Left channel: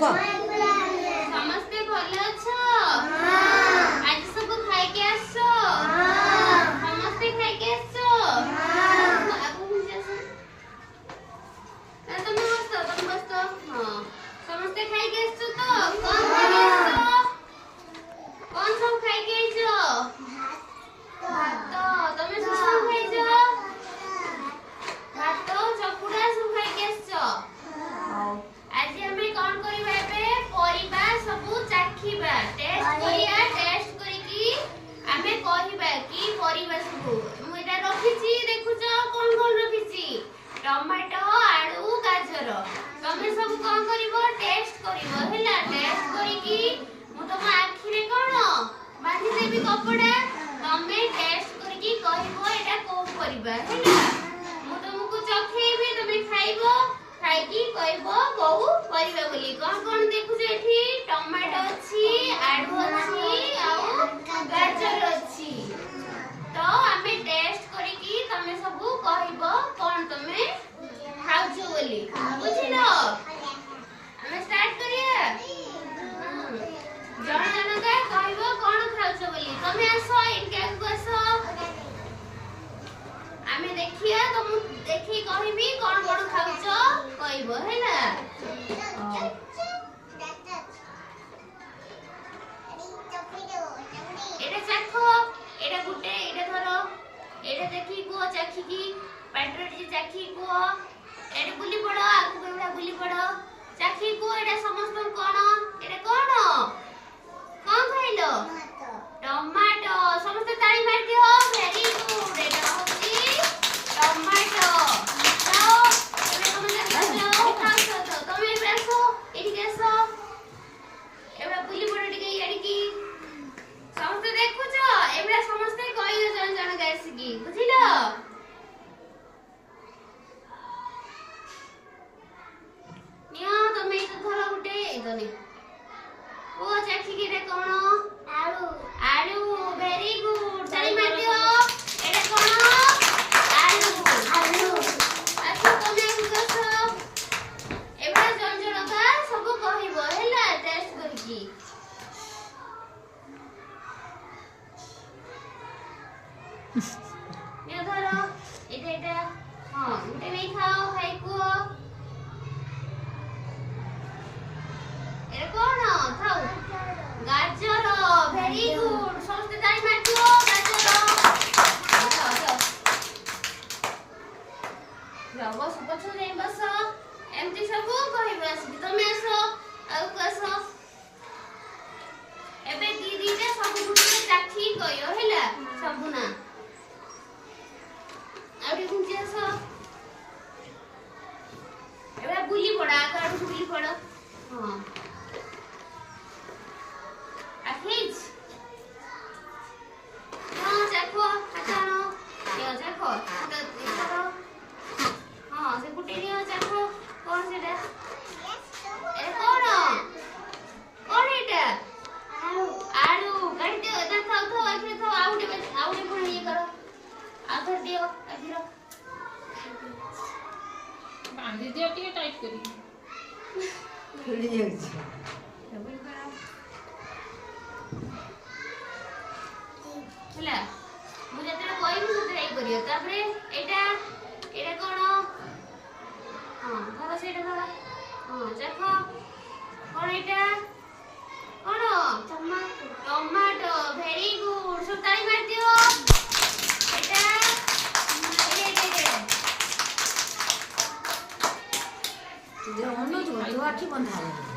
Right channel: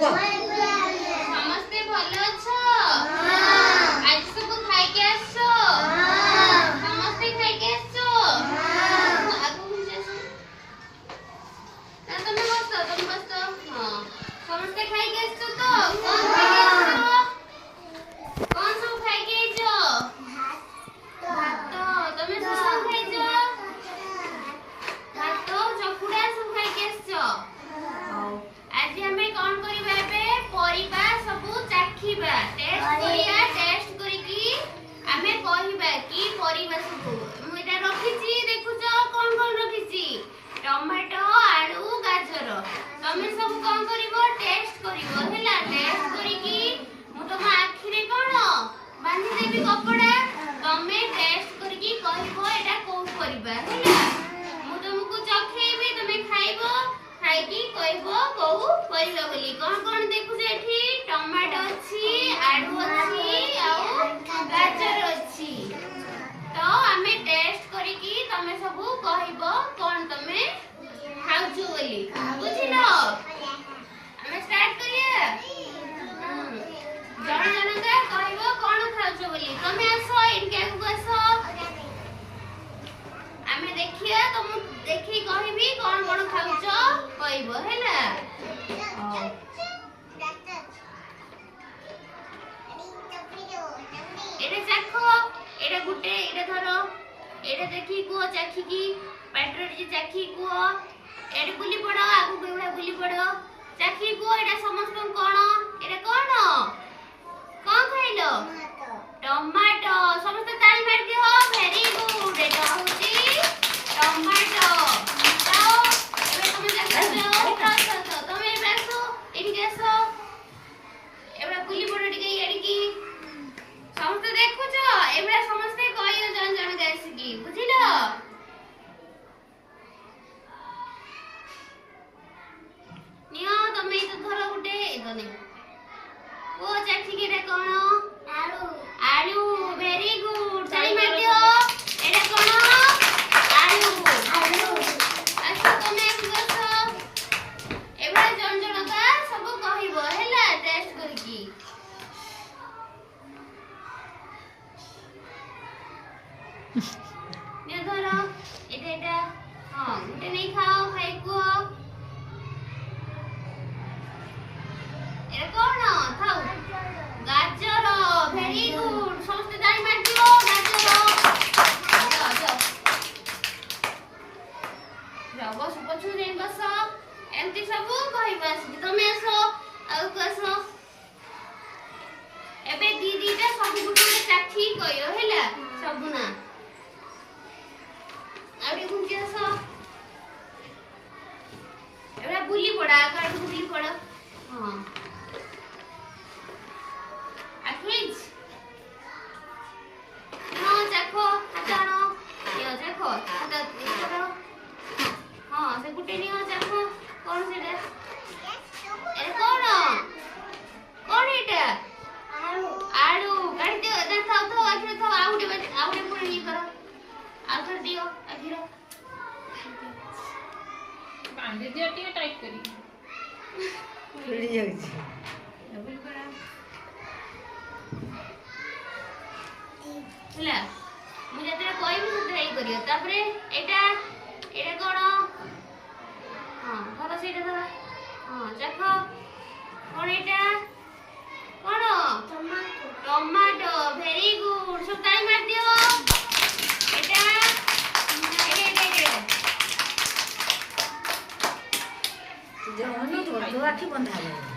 ଭଲ ସମସ୍ତେ ଭଲ ଅଛ? ଆଜି ସବୁ ଖାଇକି ଆସିଛ? ସମସ୍ତେ ଖାଇକି ଆସିଛ? ଆଗକୁ ନା ତମେ ବସ ହଁ ସମସ୍ତେ ଖାଇକି ଆସିଛ ତ? କଣ ଖାଇକି ଆସିଛ? କଣ ସବୁ ଖାଇକି ଆଇଛ? ଭାତ। ତମେ ସବୁ ଖାଇଛ? ଭାତ ଚକୁଡା ସବୁ ଖାଇକି ଆସିଛ? ହଉ ଆଜି ଆମେ କଣ କରିବା? ଏବେ ପରିବା ସବୁ ଚାଖିବା, ଟେଷ୍ଟ କରିବା। ଟେଷ୍ଟ କରିକି ଆମେ କହିବା କି ପରିବା ସବୁ ମୁଁ ଏଟା ରଖିଛି। ଦେଖୁଛ କଣ କଣ ରଖିଛି? ଟମାଟୋ, ଆଳୁ, ଗାଜର। ତମେ ସବୁ କଣ କରିବ? ଟେଷ୍ଟ କରିବ ହେଲା। ଟେଷ୍ଟ କରିକି ମୁଁ ତମ ଆଖିରେ କଣ ବାନ୍ଧି ଦେବି କପଡା। ତମେ ଟେଷ୍ଟ କରିକି କହିବ ଏଟା କୋଉ ପରିବା ହେଲା। ମୁଁ ତମକୁ ଚଖେଇବି, ତମେ ଖାଇବ। ଖାଇକି କହିବ କୋଉ ପରିବା ବୋଲି। କଣ କଣ ଦେଖୁଛ ଏଠି? ଟମାଟୋ ଅଛି, ଆଳୁ ଅଛି, ଆଉ ଗାଜର ଅଛି। ତ ଆମେ ଟେଷ୍ଟ କରିକି ତମେ ସବୁ କହିବ କଣ ତମେ ଖାଉଛ ବୋଲି। ବୁଝିଲ? ଆମେ ଷ୍ଟାର୍ଟ କରିବା। ଜଣ ଜଣକା କହିବ କଣ ଖାଉଛ ବୋଲି। ତମେ ଆସ ଏଇଠି ଆଗକୁ ଆସ। ଆମେ ଦେଖିବା, ତମକୁ ଦେଖିକି କହିବି କଣ କଣ ଖାଉଛ କହିବ ହେଲା। ଏଇଟା ଚାଖ। ଏଇଟା ଗୋଟେ, ଏଇଟା ଧର। ଏଇଟା ଦେଖିକି କୁହ, ଚାଖିକି ପାଟିରେ ଟିକେ ଚାଖିକି କୁହ। ଏଇଟା ବୁଲି ପଡ, ଆଗକୁ ଏଇଭଳିଆ ବୁଲି ପଡ। ଚାଖିକି କୁହ ଏଇଟା ସମସ୍ତଙ୍କୁ କଣ? ଏଇଟା କଣ? କଣ ଖାଇଲ? ଟମାଟୋ। ସମସ୍ତେ ତାଳି ମାରିଦିଅ। Very good. ଏଇଟା ହଉଛି ଟମାଟୋ। ଖାଅ। ଏବେ ତମେ ଦେଖୁଛ। ଖାଅ। ତମେ ଏବେ ଆସ, ଏଠିକି ଆସ। ଏବେ ବୁଲି ପଡ ଟିକେ ଇଆଡିକି। ସମସ୍ତେ ଦେଖୁଛ? ଏଭଳିଆ ସମସ୍ତେ କହିବ ଜଣ ଜଣକା ଆସିକି। ବୁଝିଲ? ନିଅ ତମେ ଏଇଟା ଧର ଗୋଟେ। ଏଇଟା ନେ କୁହ ଚାଖିକି ଏଇଟା କଣ? ଆଳୁ। ଆଳୁ। Very good. ତାଳି ମାରିଦିଅ। ଏଇଟା କଣ? ଆଳୁ। ଆସ ତମେ ଆଗକୁ ଆସ। ଏଭଳିଆ ଜଣ ଜଣକା ସବୁ କହିବ ହେଲା ଟେଷ୍ଟ କରିକି। ନିଅ ଧର। ଏଇଟା ହଁ ଗୋଟେ ନେଇ ଖାଅ। ଖାଇ କୁହ ଏଇଟା କଣ? ଥାଉ। ଗାଜର। Very good. ସମସ୍ତେ ତାଳି ମାରିଦିଅ। ଗାଜର। ବସ, ପଛକୁ ଯାଇ ବସ। ଏମିତି ସବୁ କହିବ ଆସିକି। ତମେ ଆସ, ଆଗକୁ ଆସ। ଏବେ ଦିଟା ସବୁ ଗୋଟେ ଚାଖିକି କହିବ ହେଲା। ସବୁ ନା ଆଉ ଟିକେ ଘୁଞ୍ଚି ଆସ। ଏବେ ବୁଲି ପଡ, ଆଗ ଆଡକୁ ବୁଲି ପଡ। ହଁ ଆଖେଜ। ହଁ ଚାଖ। ହାତ ଆଣ। ନିଅ ଚାଖ। ହାତ କର। ହଁ ସେ ଗୋଟେ ନିଅ ଚାଖ। କଣ ସେଟା? ଏ କଣ? କଣ ଏଇଟା? ଆଳୁ। କାଢି ଦିଅ। ଏଟା ଥାଉ ଥାଉ ଆଖିରେ ଥାଉ। ଆଉ ଗୋଟେ ପୁଣି ଇଏ କର। ଆଉ ଥରେ ଦିଅ ଆଖିର। ବାନ୍ଧି ଦିଅ ଟିକେ ଟାଇଟ୍ କରିକି। ଖେଳି ଯାଉଛି। ହେଲା ମୁଁ ଯେତେବେଳେ କହିବି ସେତେବେଳେ ଇଏ କରିବ। ତାପରେ ଏଇଟା କଣ? ହଁ ଧର ସେଇଟା ଧର। ହଁ ଚାଖ। କଣ ଏଇଟା? କଣ? ଟମାଟୋ। Very good. ସବୁ ତାଳି ମାରିଦିଅ। ଏଇଟା ତୁ ଆଖି ବନ୍ଧା ହବ।